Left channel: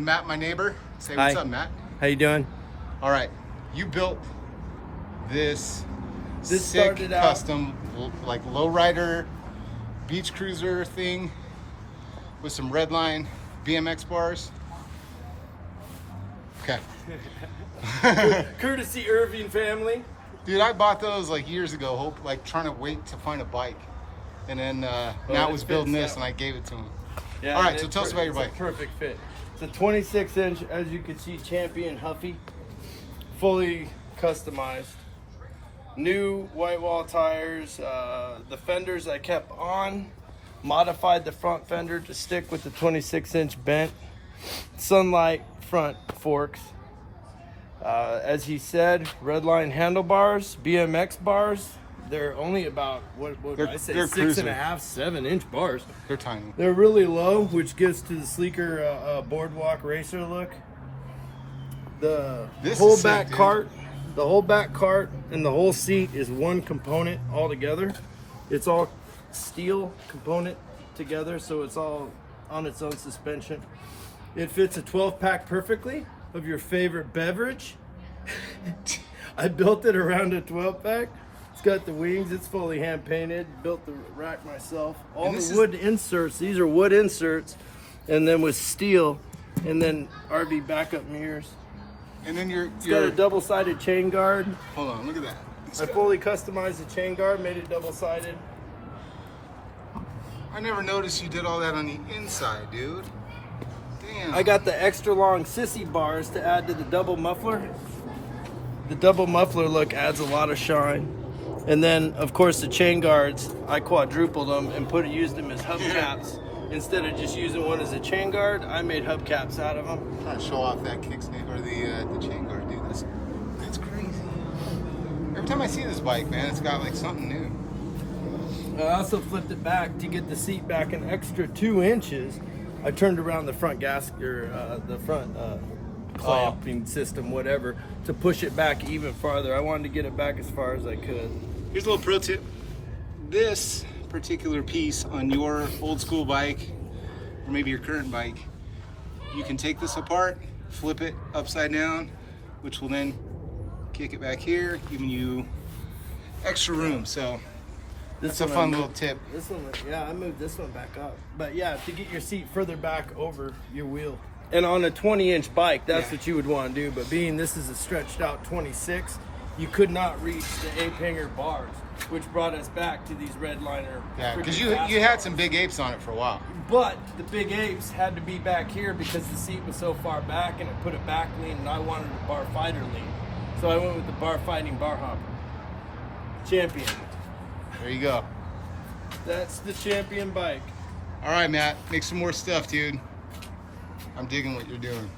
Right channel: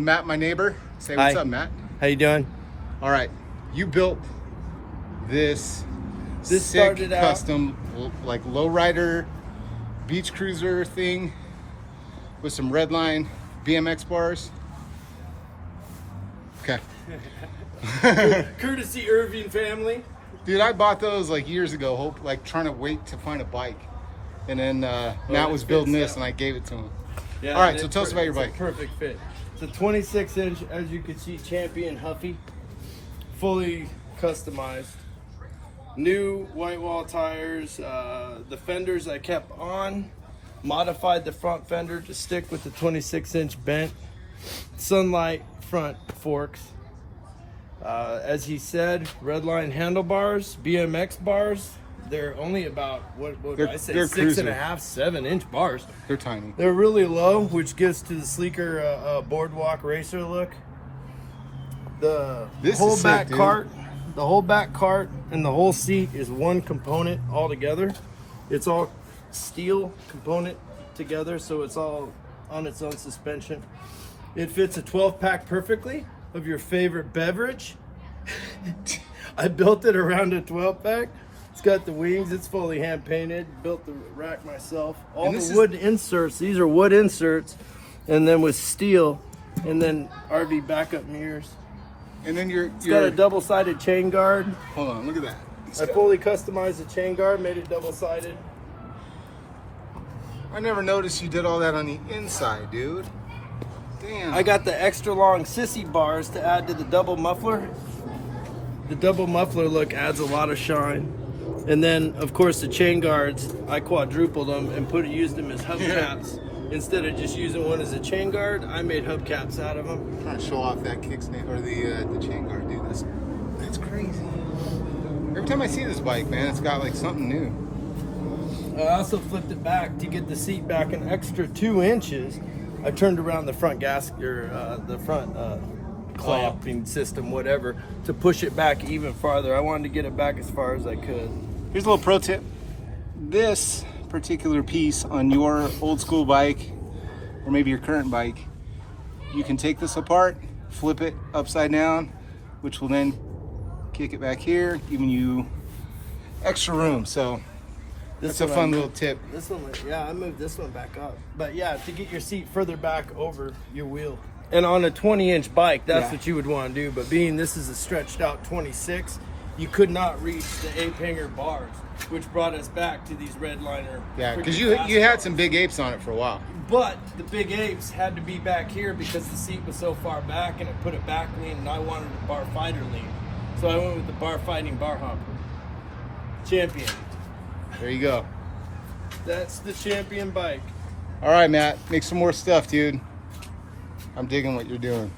Matt, my neighbor. Say Hi. what's up, Matt. How you doing? All right, you built this sick started out- custom like lowrider beach cruiser thing with some redline BMX bars. Okay. Courtesy Irving family. Dude, I bought those like years ago, trying to wait to find a bike. And then Matt was building this and I gave it to him. Yeah, All right, so tell us about your bike. It's a perfect fit. It's a 26-inch, as you can see, Champion Huffy, fully customized. New white wall tires. The fenders I kept on. Modified the front fender to stick with the 26-inch bent. Sunlight front forks. As he said, redline handlebars, BMX bars. They're only about what would I say, 6.5, 7-inch bars. They're tiny. They're really low, which gives to the sleeker boardwalk racer look. The whole back cart, and the whole seat is one component all together. It's all steel component together, so it's all on its own suspension. It fits a 12-pack perfectly of your favorite beverage. I built it around a 12-pack. It's got the wings, it's fully hand painted, built the rack myself. All the wood inserts, these are wood inserts, and then with steel, and then RV backup mirrors. And then It's got a double-sided chain guard. hold on, look at that. I fully customized the chain guard, made it double-sided. I never noticed you did all that on the inside, dude. Damn. I got the extra long sissy bars to add to the double muffler. The double muffler look adds a lot of shine. And then, of course, the chain guards, I quadrupled them and used them as hubcaps. Instead of just using one as a chain guard, I made hubcaps out of them. Trying to show off that kickstand or the chain guard, dude. That's crazy. Every time I see this bike, man, it's got like something new. I also flipped it back to get the seat back an extra 2 inches. I turned around the front gasket, or the front clamping system, whatever, to push it back even farther. I wanted to get it back as far as I could. Here's a little pro tip. This particular piece on your old school bike, or maybe your current bike, you can take this apart, flip it upside down, which will then kick it back here, giving you extra room. So that's a fun little tip. This one, yeah, I moved this one back up. But yeah, to get your seat further back over your wheel. And on a 20-inch bike, that's what you would want to do. But being this is a stretched out 26, you could not reach the ape-hanger bars, which brought us back to these redliner. Yeah, because you had some big apes on it for a while. But the big apes had to be back here because the seat was so far back, and it put a back lean, and I wanted a bar fighter lean. So I went with the bar fighting bar hopper. Champion. There you go. That's the Champion bike. All right, Matt, make some more stuff, dude. I'm digging what you're doing.